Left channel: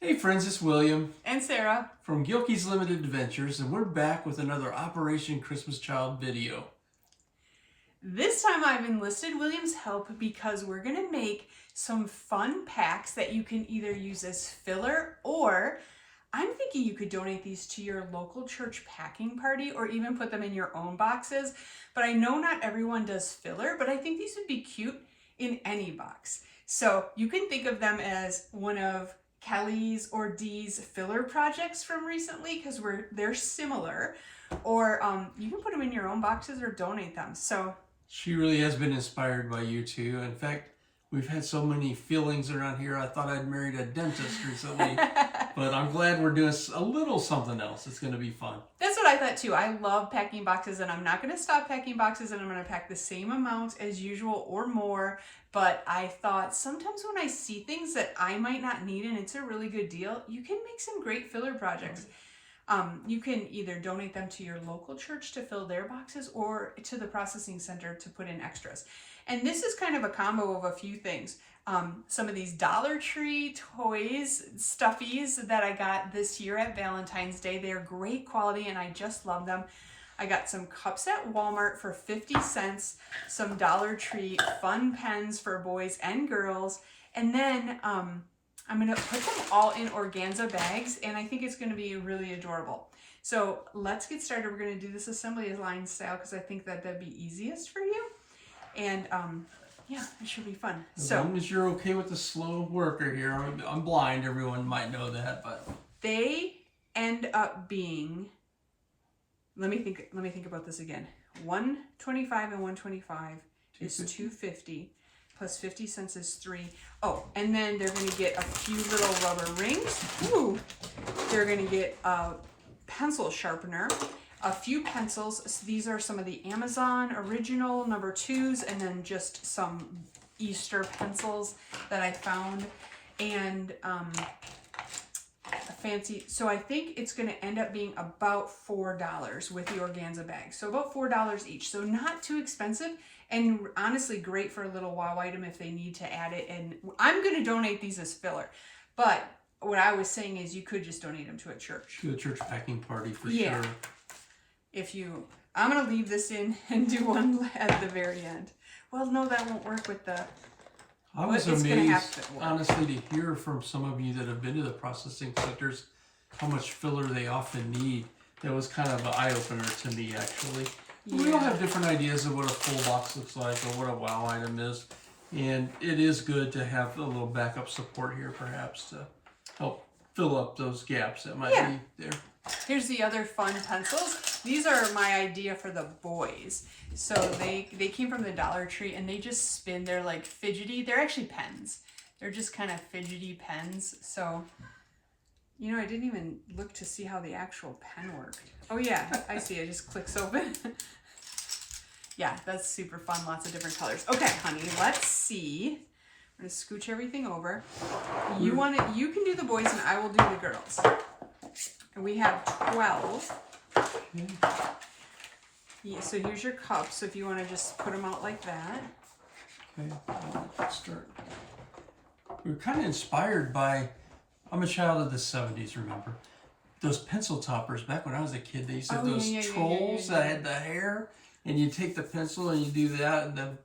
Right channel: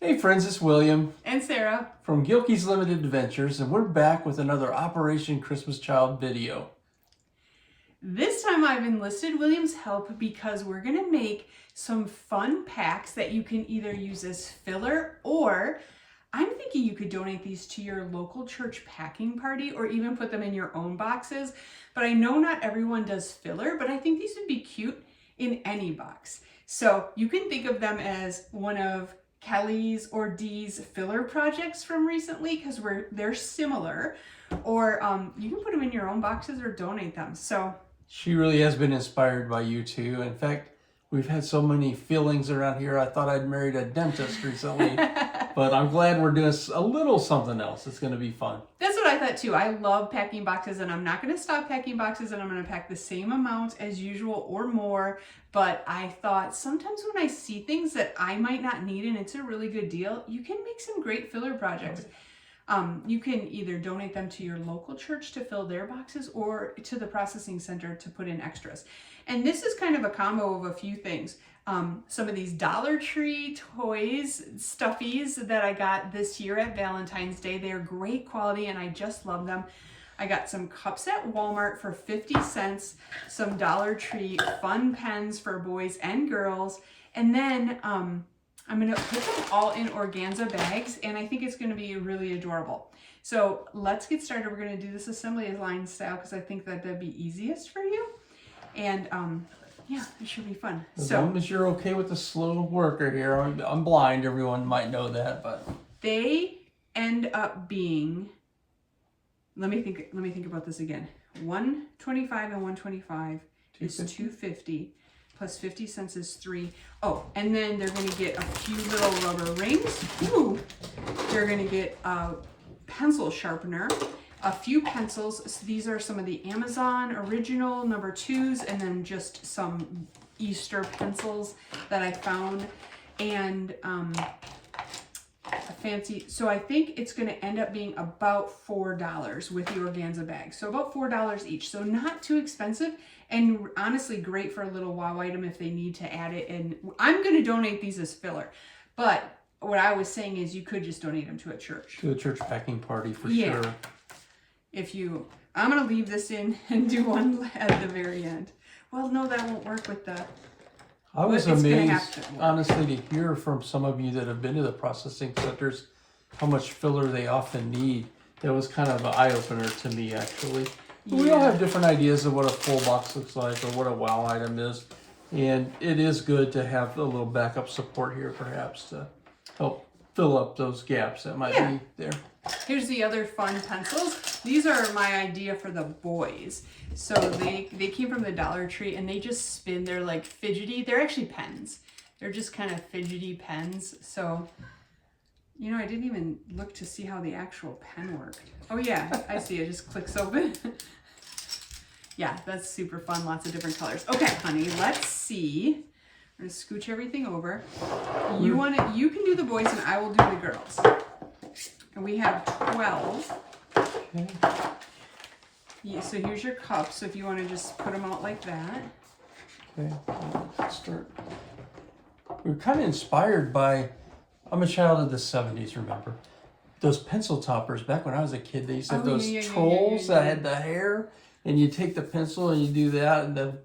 Hey friends, it's William And Sarah. from Gilkey's Limited Adventures, and we're back with another Operation Christmas Child video. This time I've enlisted William's help because we're going to make some fun packs that you can either use as filler, or I'm thinking you could donate these to your local church packing party or even put them in your own boxes. But I know not everyone does filler, but I think these would be cute in any box. So you can think of them as one of Kelly's or Dee's filler projects from recently because they're similar, or you can put them in your own boxes or donate them. So She really has been inspired by you too. In fact, we've had so many fillings around here. I thought I'd married a dentist recently, but I'm glad we're doing a little something else. It's going to be fun. That's what I thought too. I love packing boxes, and I'm not going to stop packing boxes, and I'm going to pack the same amount as usual or more. But I thought sometimes when I see things that I might not need and it's a really good deal, you can make some great filler projects. You can either donate them to your local church to fill their boxes or to the processing center to put in extras. And this is kind of a combo of a few things. Some of these Dollar Tree toys, stuffies that I got this year at Valentine's Day. They're great quality and I just love them. I got some cups at Walmart for 50 cents, some Dollar Tree fun pens for boys and girls, and then I'm going to put them all in organza bags, and I think it's going to be really adorable. So let's get started. We're going to do this assembly line style because I think that that'd be easiest for you. And yeah, it should be fun. As long as you're okay with the slow worker here. I'm blind, everyone might know that, but they end up being, let me think about this again. 125 and 125 is 250. Plus 50 cents is 3. Oh, and then they're going to get a few little rubber rings. Ooh. They're going to get a pencil sharpener, a few pencils. So these are some of the Amazon original number 2s, and then just some Easter pencils that I found, and a fancy. So I think it's going to end up being about $4 with the organza bag. So about $4 each. So not too expensive. And honestly, great for a little wow item if they need to add it. And I'm going to donate these as filler. But what I was saying is you could just donate them to a church. To a church packing party for Yeah. sure. I'm going to leave this in and do one at the very end. Well, no, that won't work with the... I was amazed, honestly, to hear from some of you that have been to the processing centers how much filler they often need. That was kind of an eye-opener to me, actually. Yeah. We all have different ideas of what a full box looks like or what a wow item is. And it is good to have a little backup support here, perhaps, to help fill up those gaps that might be there. Here's the other fun pencils. These are my idea for the boys. So they came from the Dollar Tree, and they just spin. They're like fidgety. They're actually pens. They're just kind of fidgety pens. So, you know, I didn't even look to see how the actual pen worked. Oh yeah, I see. It just clicks open. Yeah, that's super fun. Lots of different colors. Okay, honey, let's see. I'm gonna scooch everything over. You can do the boys and I will do the girls. And we have 12. Okay. Yeah, so here's your cups. So if you want to just put them out like that. Okay, let's start. We're kind of inspired by, I'm a child of the 70s, remember? Those pencil toppers, back when I was a kid, they used to have those trolls that had the hair, and you take the pencil and you do that, and then,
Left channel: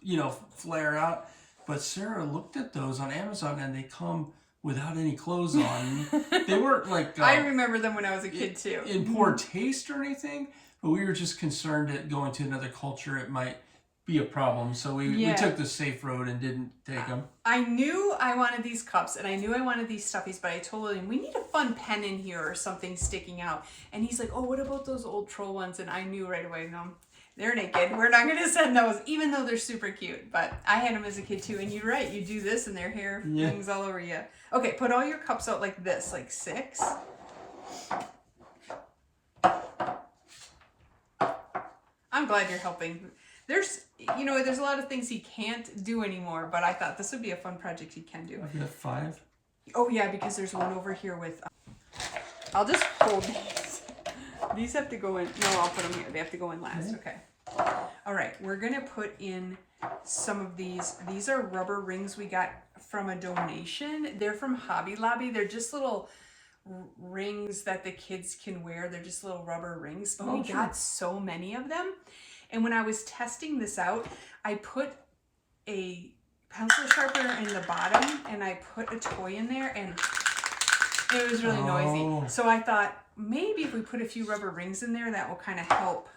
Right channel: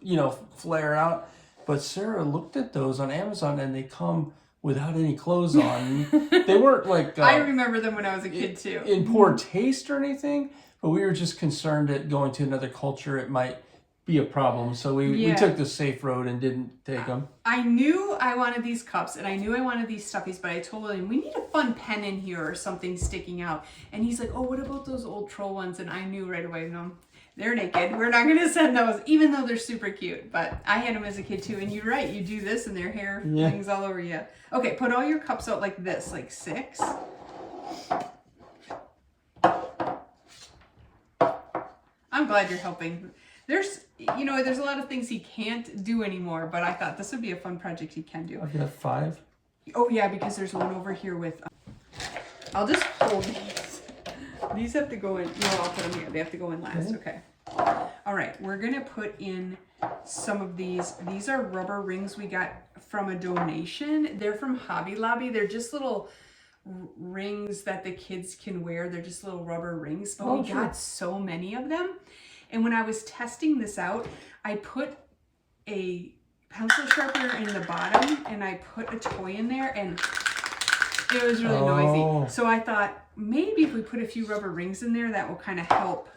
you know, flare out. But Sarah looked at those on Amazon, and they come without any clothes on. They weren't like... I remember them when I was a kid, too. In poor taste or anything, but we were just concerned that going to another culture, it might be a problem. So we took the safe road and didn't take them. I knew I wanted these cups, and I knew I wanted these stuffies, but I told him, we need a fun pen in here or something sticking out. And he's like, oh, what about those old troll ones? And I knew right away, no, they're naked. We're not going to send those, even though they're super cute. But I had them as a kid, too. And you're right. You do this, and their hair hangs all over you. Okay, put all your cups out like this, like 6. I'm glad you're helping. There's a lot of things he can't do anymore, but I thought this would be a fun project he can do. I've got 5. Oh yeah, because there's one over here with, I'll just hold these. These have to go in, no, I'll put them here. They have to go in last, okay. All right, we're gonna put in some of these. These are rubber rings we got from a donation. They're from Hobby Lobby. They're just little rings that the kids can wear. They're just little rubber rings, but we got so many of them. And when I was testing this out, I put a pencil sharpener in the bottom and I put a toy in there, and it was really noisy. So I thought maybe if we put a few rubber rings in there, that will kind of help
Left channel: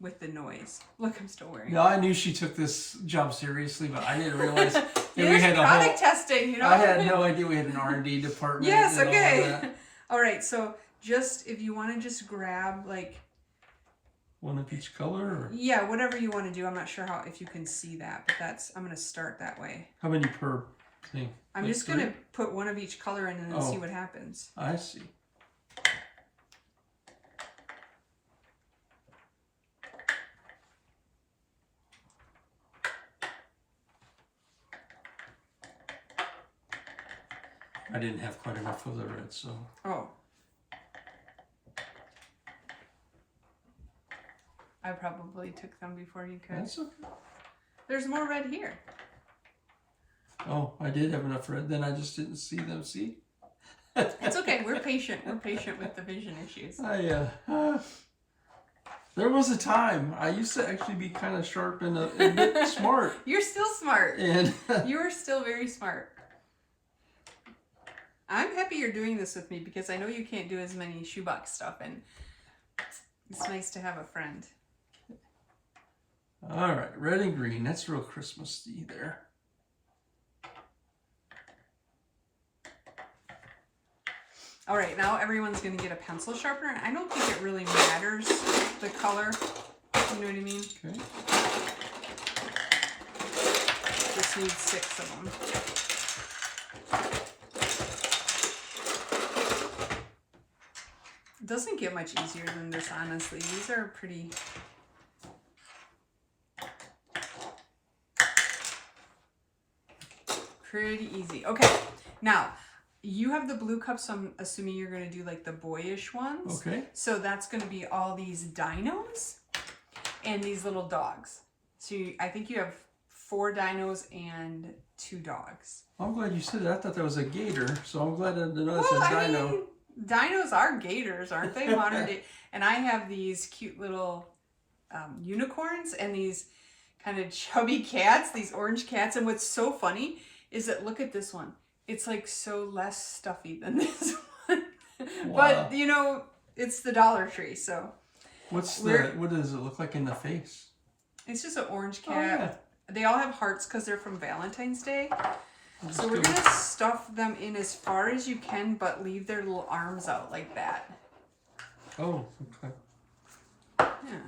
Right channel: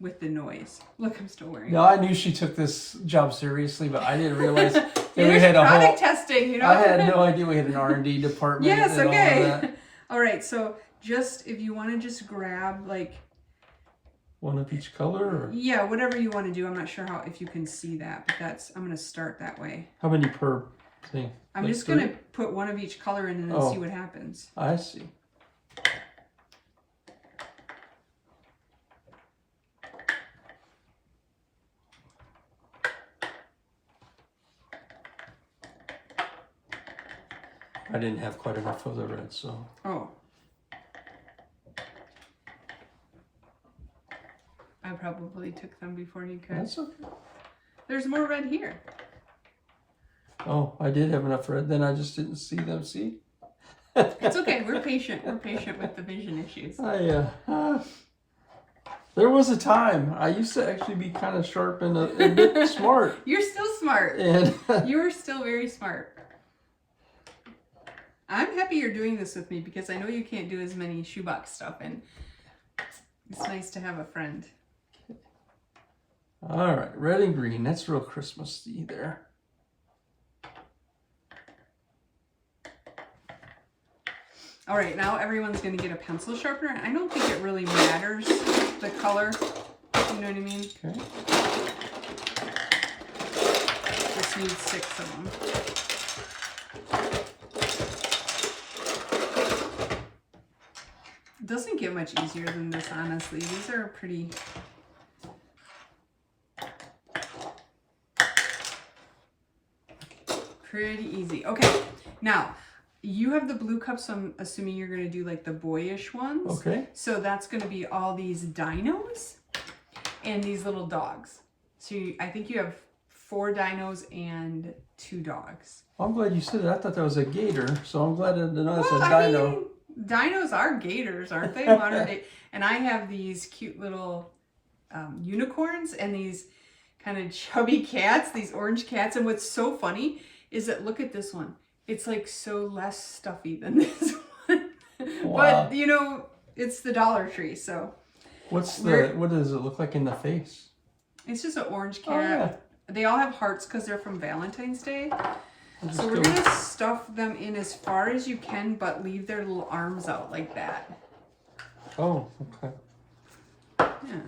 with the noise. Look, I'm still wearing it. No, I knew she took this job seriously, but I didn't realize that we had a product testing, you know. I had no idea we had an R&D department. Yes, okay. All right, so just if you want to just grab like one of each color, or? Yeah, whatever you want to do. I'm not sure if you can see that, but I'm going to start that way. How many per thing? I'm just going to put one of each color in and then see what happens. I see. I didn't have quite enough of the red, so. Oh. I probably took them before you could. That's okay. There's more red here. Oh, I did have enough red, then I just didn't see them, see? It's okay, we're patient. We're patient with the vision issues. There was a time I used to actually be kind of sharp and a bit smart. You're still smart. And you are still very smart. I'm happy you're doing this with me because I know you can't do as many shoebox stuff, and it's nice to have a friend. All right, red and green. That's real Christmassy there. All right, now everyone's going to get a pencil sharpener. I don't think it really matters the color. You know what I mean? Okay. Just need 6 of them. It doesn't get much easier than this, honestly. These are pretty... pretty easy. Okay, now... You have the blue cups, so I'm assuming you're going to do like the boyish ones. Okay. So that's going to be all these dinos and these little dogs. So I think you have 4 dinos and 2 dogs. I'm glad you said that. I thought that was a gator, so I'm glad to know it's a dino. I mean, dinos are gators, aren't they? Modern day. And I have these cute little unicorns and these kind of chubby cats, these orange cats. And what's so funny is that, look at this one. It's like so less stuffy than this one. Wow. But, you know, it's the Dollar Tree, so. What does it look like in the face? It's just an orange cat. Oh, yeah. They all have hearts because they're from Valentine's Day. So we're going to stuff them in as far as you can, but leave their little arms out like that. Oh, okay. Yeah.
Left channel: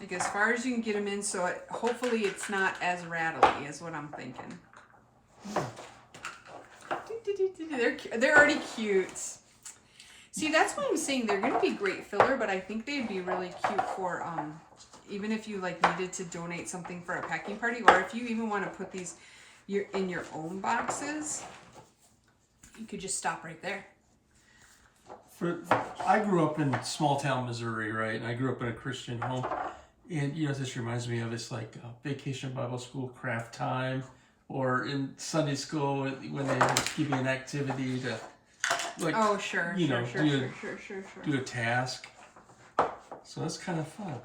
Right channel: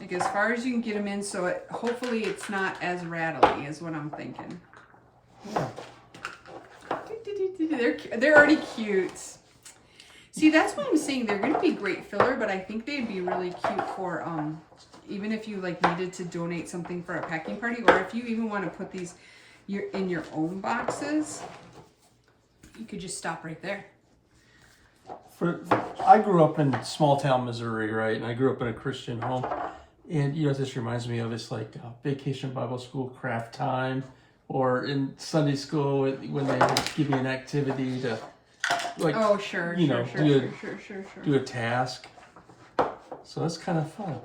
Like as far as you can get them in, so hopefully it's not as rattly is what I'm thinking. Yeah. They're already cute. See, that's what I'm saying. They're going to be great filler, but I think they'd be really cute for even if you like needed to donate something for a packing party, or if you even want to put these in your own boxes, you could just stop right there. I grew up in small town Missouri, right? And I grew up in a Christian home, and you know this reminds me of it's like Vacation Bible School craft time. Or in Sunday school when they give you an activity to, like, sure, do a task. So that's kind of fun.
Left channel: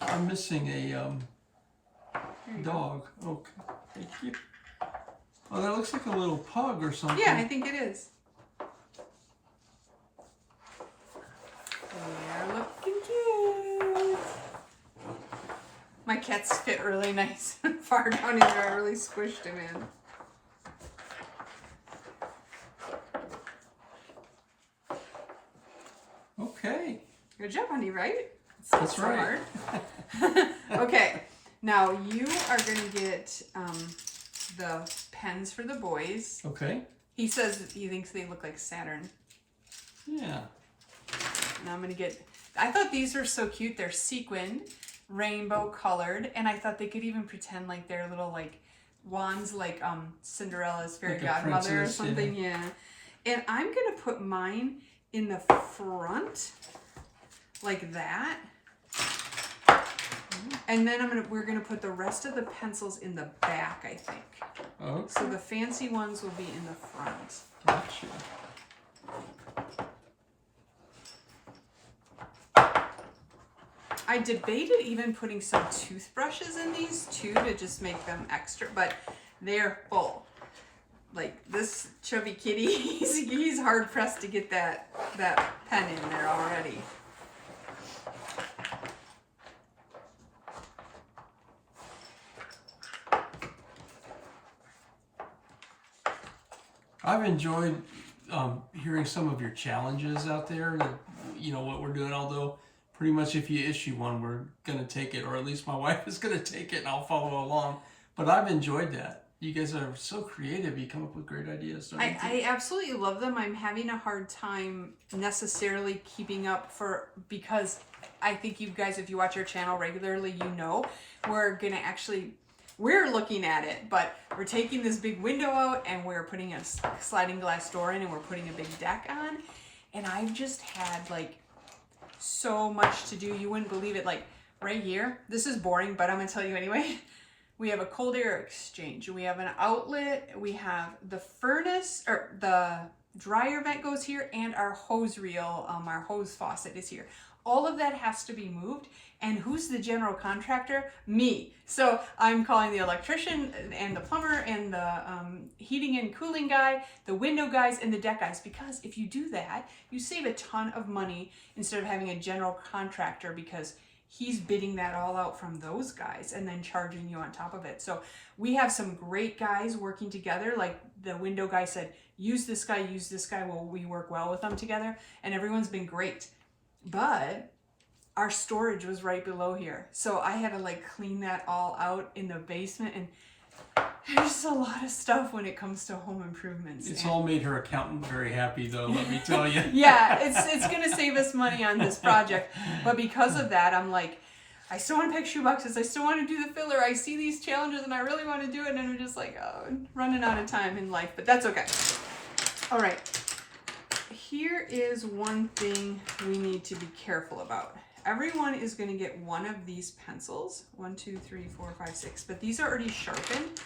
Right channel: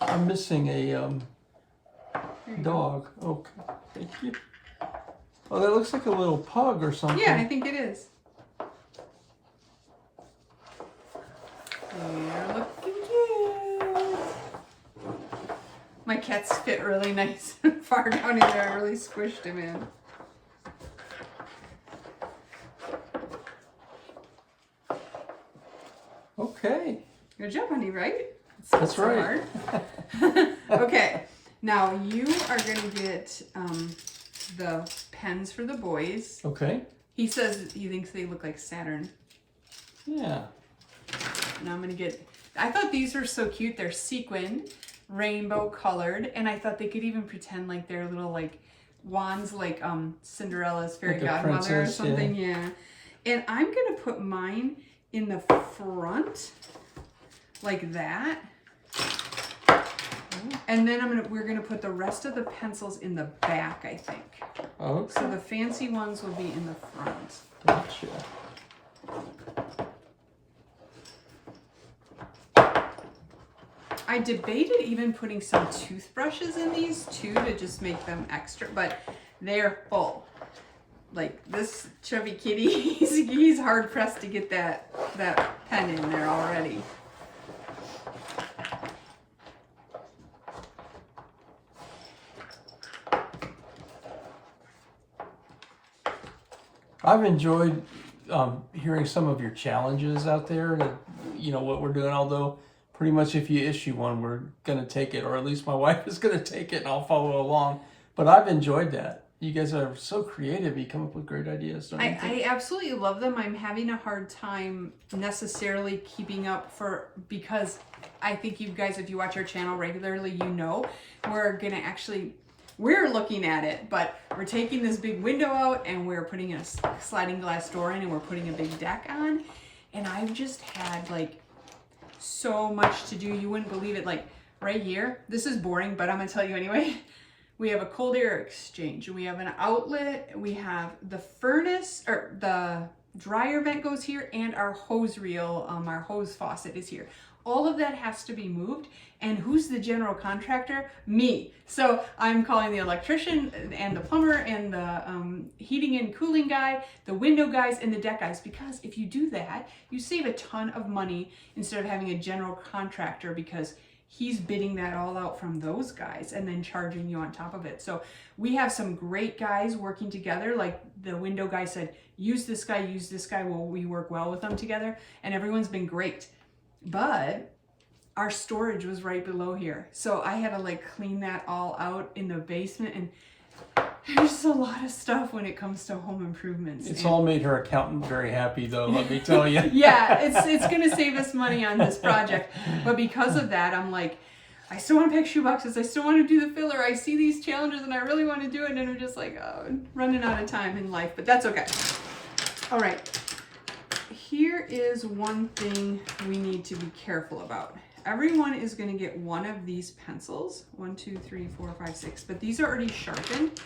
I'm missing a dog. Okay, thank you. Oh, that looks like a little pug or something. Yeah, I think it is. They're looking cute. My cats fit really nice and far down in there. I really squished him in. Okay. Good job, honey, right? That's so right. Hard. Okay, now you are going to get the pens for the boys. Okay. He says he thinks they look like Saturn. Yeah. Now I'm going to get... I thought these were so cute. They're sequined, rainbow colored, and I thought they could even pretend like they're little like wands, like Cinderella's fairy like godmother or something. Yeah. And I'm gonna put mine in the front like that. And then we're gonna put the rest of the pencils in the back, I think. Okay. So the fancy ones will be in the front. Gotcha. I debated even putting some toothbrushes in these too to just make them extra, but they're full. Like this chubby kitty, he's hard pressed to get that pen in there already. I've enjoyed hearing some of your challenges out there, that, what we're doing, although pretty much if you issue one, we're going to take it, or at least my wife is going to take it and I'll follow along. But I've enjoyed that. You guys are so creative. You come up with great ideas. I absolutely love them. I'm having a hard time necessarily keeping up because I think you guys, if you watch our channel regularly, we're looking at it, but we're taking this big window out and we're putting a sliding glass door in and we're putting a big deck on. And I've just had like so much to do. You wouldn't believe it. Like right here, this is boring, but I'm gonna tell you anyway. We have a cold air exchange. We have an outlet. We have the furnace, or the dryer vent goes here, and our hose reel, our hose faucet is here. All of that has to be moved. And who's the general contractor? Me. So I'm calling the electrician and the plumber and the heating and cooling guy, the window guys, and the deck guys. Because if you do that, you save a ton of money instead of having a general contractor, because he's bidding that all out from those guys and then charging you on top of it. So we have some great guys working together. Like the window guy said, use this guy. Well, we work well with them together, and everyone's been great. But our storage was right below here. So I had to like clean that all out in the basement, and there's a lot of stuff when it comes to home improvements. It's all made her accountant very happy though, let me tell you. Yeah, it's gonna save us money on this project. But because of that, I'm like, I still want to pack shoeboxes. I still want to do the filler. I see these challenges and I really want to do it. And I'm just like, oh, running out of time in life, but that's okay. All right. Here is one thing we need to be careful about. Everyone is going to get one of these pencils. 1, 2, 3, 4, 5, 6. But these are already sharpened.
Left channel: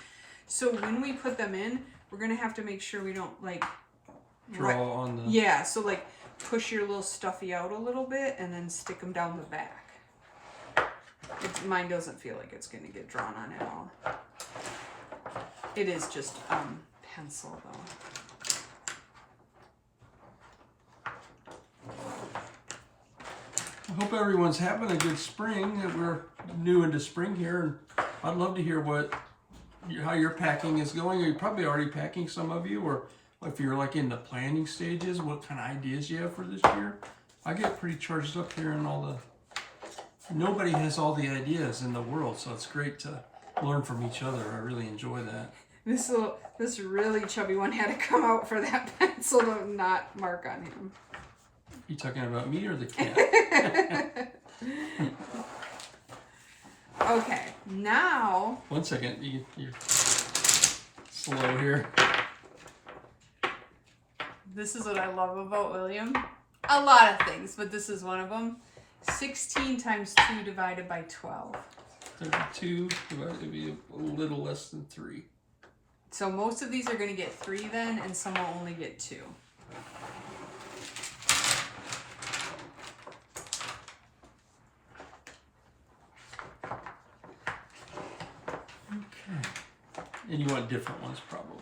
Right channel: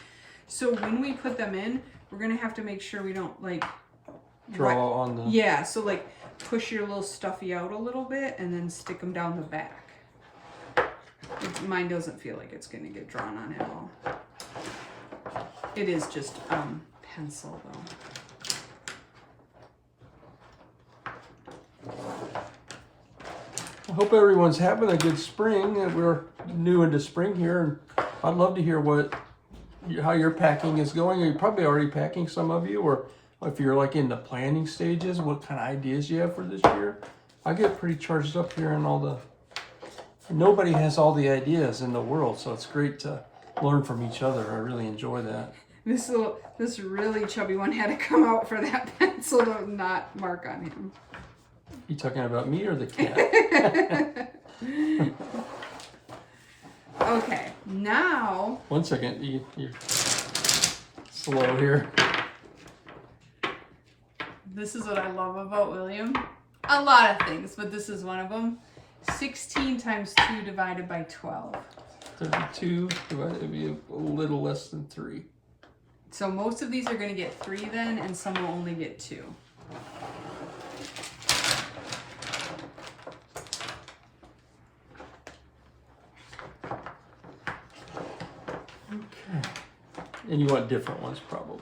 So when we put them in, we're going to have to make sure we don't like draw on the... Yeah, so like push your little stuffy out a little bit and then stick them down the back. Mine doesn't feel like it's going to get drawn on at all. It is just pencil though. I hope everyone's having a good spring. We're new into spring here, and I'd love to hear how your packing is going. Are you probably already packing, some of you, or if you're like in the planning stages, what kind of ideas you have for this year? I get pretty charged up here and nobody has all the ideas in the world, so it's great to learn from each other. I really enjoy that. This really chubby one had to come out for that pencil to not mark on him. You talking about me or the cat? Okay, now... One second, you're slow here. This is what I love about William. A lot of things, but this is one of them. 16 times 2 divided by 12. 32 divided would be a little less than 3. So most of these are going to get 3 then, and some will only get 2. Okay. And you want different ones probably.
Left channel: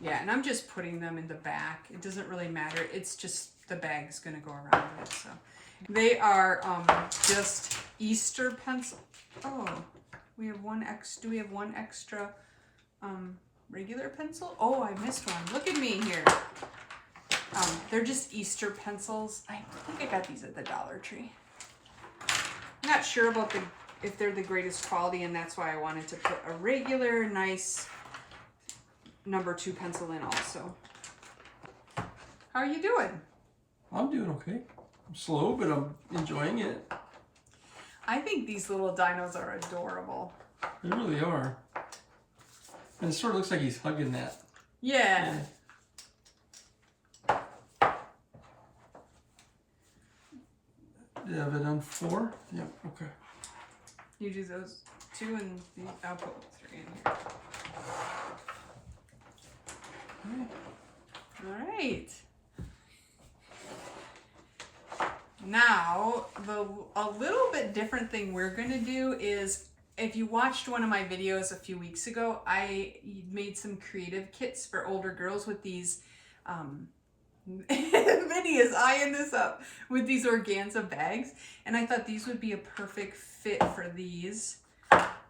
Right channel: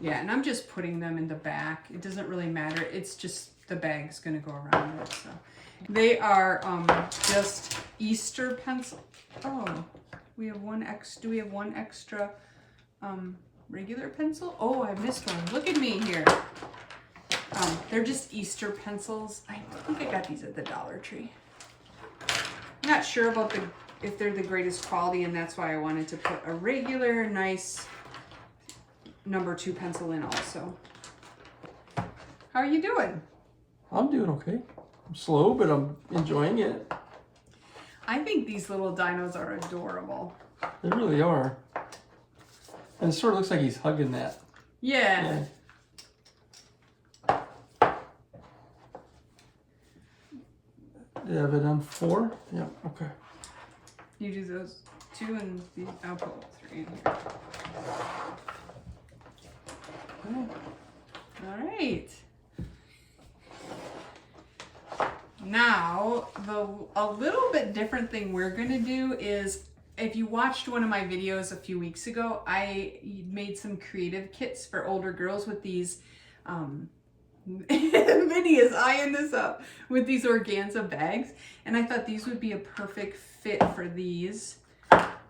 Yeah, and I'm just putting them in the back. It doesn't really matter. It's just the bag's going to go around it. So they are just Easter pencil. Oh, we have one extra. Do we have one extra regular pencil? Oh, I missed one. Look at me here. They're just Easter pencils. I think I got these at the Dollar Tree. I'm not sure about if they're the greatest quality, and that's why I wanted to put a regular, nice number 2 pencil in also. How are you doing? I'm doing okay. I'm slow, but I'm enjoying it. I think these little dinos are adorable. They really are. And it sort of looks like he's hugging that. Yeah. You have it on 4? Yep, okay. You do those 2 and these, I'll put 3 in here. All right. Now, a little bit different thing we're gonna do is, if you watched one of my videos a few weeks ago, I made some creative kits for older girls with these, Vinny is eyeing this up, with these organza bags. And I thought these would be a perfect fit for these.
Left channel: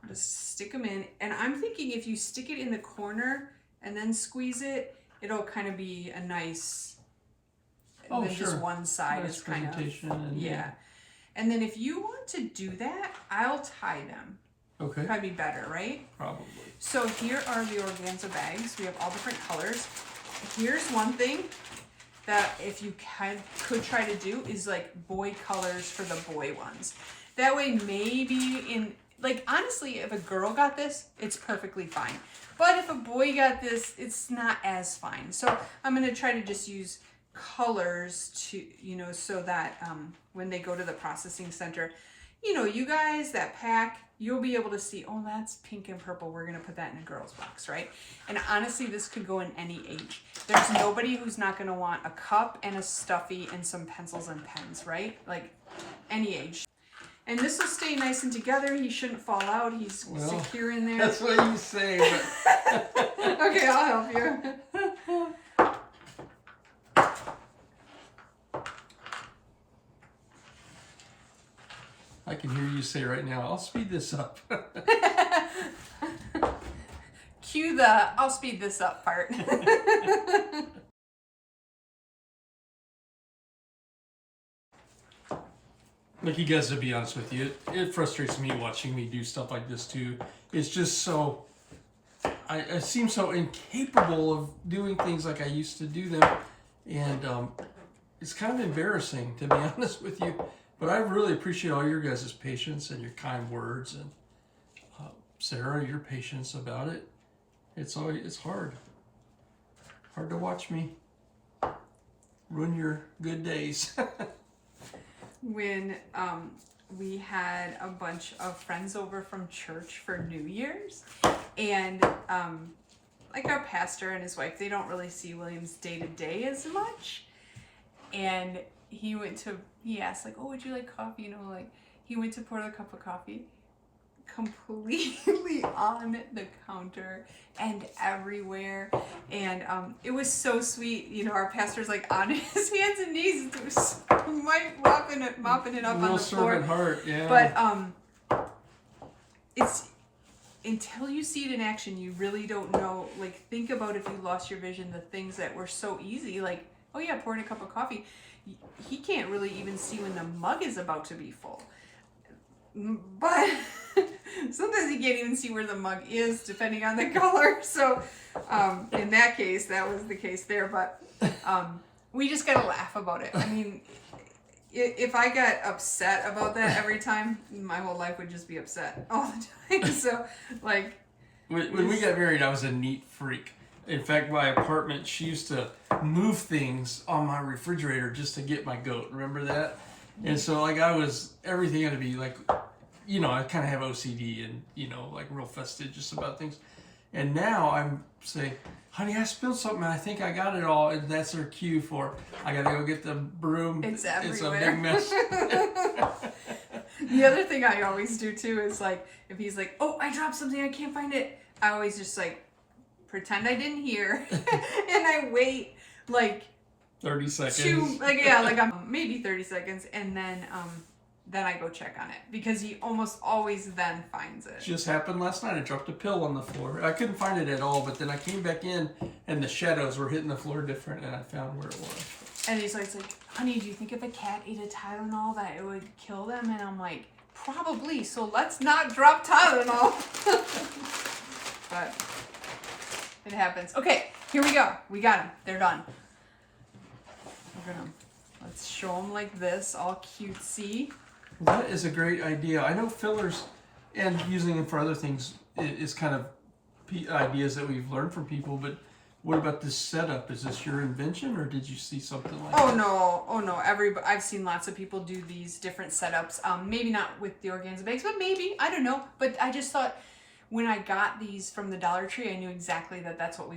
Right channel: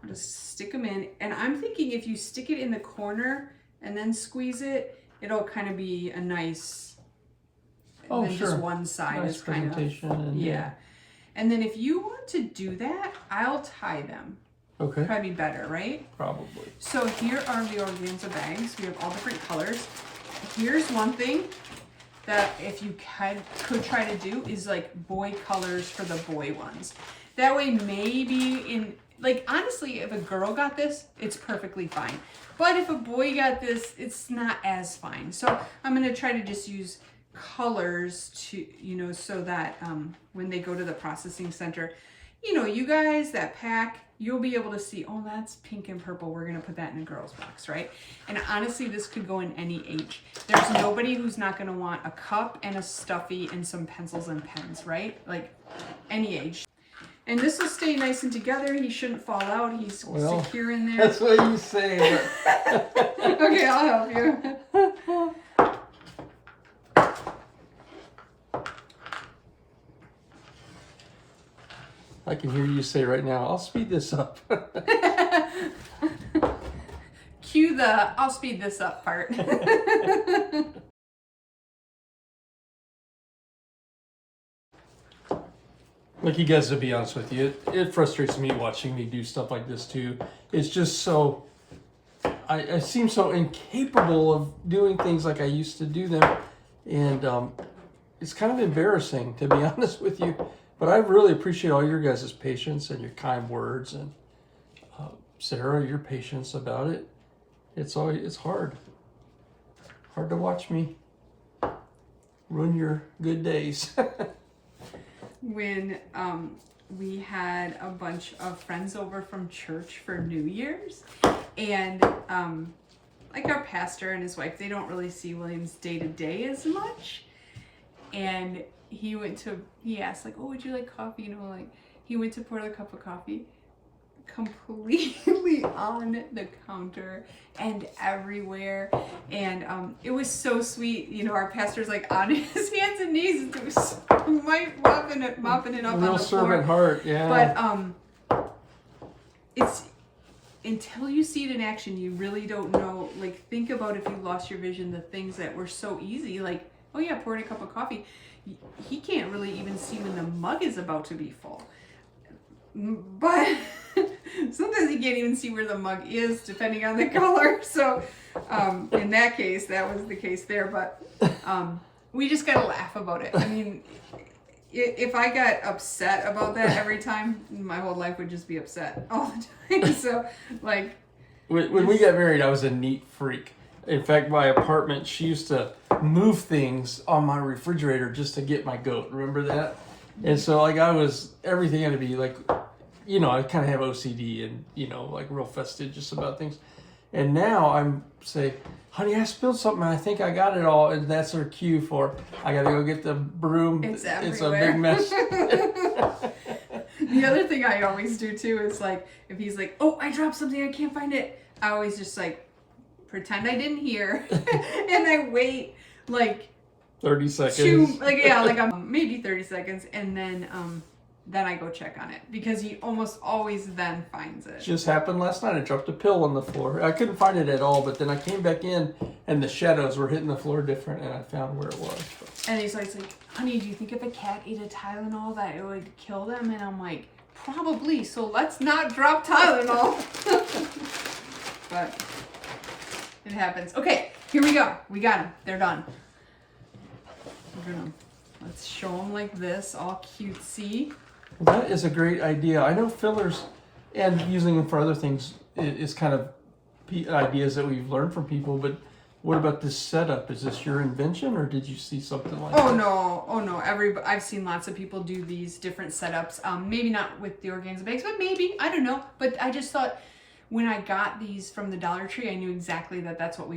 Just stick them in. And I'm thinking if you stick it in the corner and then squeeze it, it'll kind of be a nice, Oh, then sure. just one side Nice is kind of, presentation and, yeah. And then if you want to do that, I'll tie them. Okay. Probably be better, right? Probably. So here are the organza bags. We have all different colors. Here's one thing that if you could try to do is like boy colors for the boy ones. That way maybe in, like honestly, if a girl got this, it's perfectly fine. But if a boy got this, it's not as fine. So I'm gonna try to just use colors to, you know, so that when they go to the processing center, you know, you guys that pack, you'll be able to see, oh, that's pink and purple. We're going to put that in a girl's box, right? And honestly, this could go in any age. There's nobody who's not going to want a cup and a stuffy and some pencils and pens, right? Like any age. And this will stay nice and together. He shouldn't fall out. He's secure in there. That's what you say. But... Okay, I'll help you. I can hear you say right now, I'll speed this up. Cue the I'll speed this up part. Like, you guys, to be honest with you, it frustrates me watching me do stuff like this too. It's just so, I seem so incapable of doing things like I used to do them. And it's kind of embarrassing, to be honest with you. But I really appreciate all your guys' patience and your kind words, and Sarah, your patience about it. It's hard to watch me ruin your good days. When we had a bunch of friends over from church for New Year's, and like our pastor and his wife, they don't really see Williams day to day as much, and he asked, like, oh, would you like coffee? You know, like, he went to pour the cup of coffee completely on the counter and everywhere. And it was so sweet. You know, our pastor's like on his hands and knees, mopping it up Real on the floor. servant heart, yeah. But it's, until you see it in action, you really don't know. Like, think about if you lost your vision, the things that were so easy, like, oh yeah, pouring a cup of coffee. He can't really even see when the mug is about to be full. But sometimes he can't even see where the mug is, depending on the color. So in that case, that was the case there. But we just got to laugh about it. I mean, if I got upset about that every time, my whole life would just be upset all the time. So, like... When we got married, I was a neat freak. In fact, my apartment, she used to move things on my refrigerator just to get my goat. Remember that? And so, like, everything had to be, like, you know, I kind of have OCD and, you know, like, real fastidious about things. And now I'm say, honey, I spilled something and I think I got it all. And that's her cue for, I got to go get the broom. It's It's a everywhere. big mess. The other thing I always do, too, is, like, if he's like, oh, I dropped something, I can't find it. I always just, like, pretend I didn't hear. And I wait, like... 30 seconds. Maybe 30 seconds, and then I go check on it, because he almost always then finds it. Just happened last night. I dropped a pill on the floor. I couldn't find it at all, but then I came back in and the shadows were hitting the floor different, and I found where it was. And he's like, honey, do you think if a cat ate a Tylenol that it would kill them? And I'm like, probably, so let's not drop Tylenol. But it happens. Okay, here we go. We got them. They're done. Let's show them like this, all cutesy. Well, that is a great idea. I know fillers and using them for other things is kind of ideas that we've learned from people, but What about this setup? Is this your invention, or did you see something like Oh this? no, oh no. I've seen lots of people do these different setups. Maybe not with the organza bags, but maybe, I don't know. But I just thought when I got these from the Dollar Tree, I knew exactly that that's what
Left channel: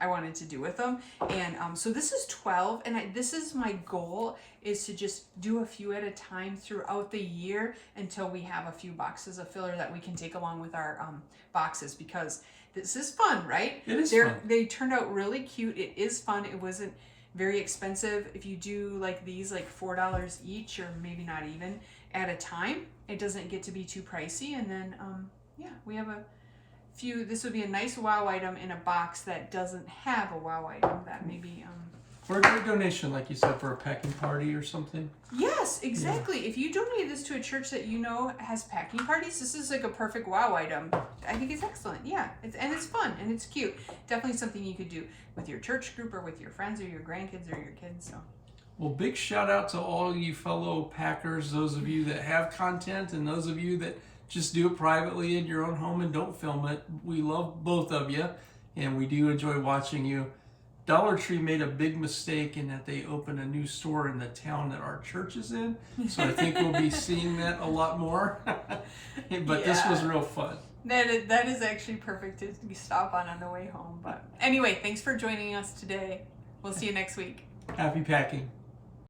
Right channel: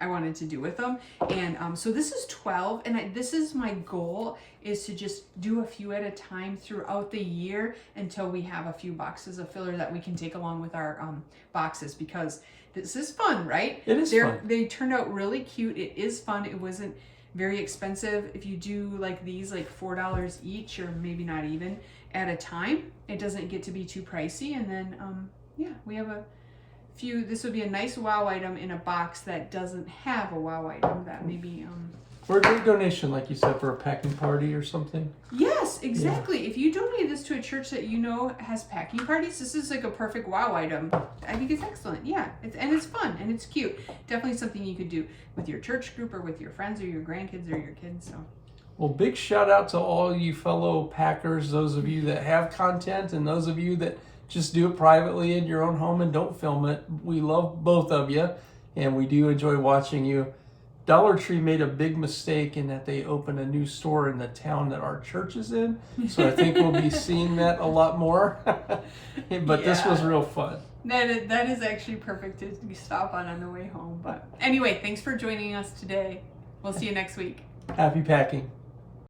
I wanted to do with them. And so this is 12, and this is my goal, is to just do a few at a time throughout the year until we have a few boxes of filler that we can take along with our boxes, because this is fun, right? It is fun. They turned out really cute. It is fun. It wasn't very expensive. If you do like these, like $4 each, or maybe not even, at a time, it doesn't get to be too pricey. And then yeah, we have a few. This would be a nice wow item in a box that doesn't have a wow item, that maybe Or a great donation, like you said, for a packing party or something. yes, exactly. If you donate this to a church that you know has packing parties, this is like a perfect wow item. I think it's excellent. Yeah, it's fun and it's cute. Definitely something you could do with your church group, or with your friends, or your grandkids, or your kids. So, Well, big shout out to all you fellow packers, those of you that have content and those of you that just do it privately in your own home and don't film it. We love both of you, and we do enjoy watching you. Dollar Tree made a big mistake in that they opened a new store in the town that our church is in. So I think we'll be seeing that a lot more. But this was real fun. that is actually perfect to stop on the way home. But anyway, thanks for joining us today. We'll see you next week. Happy packing.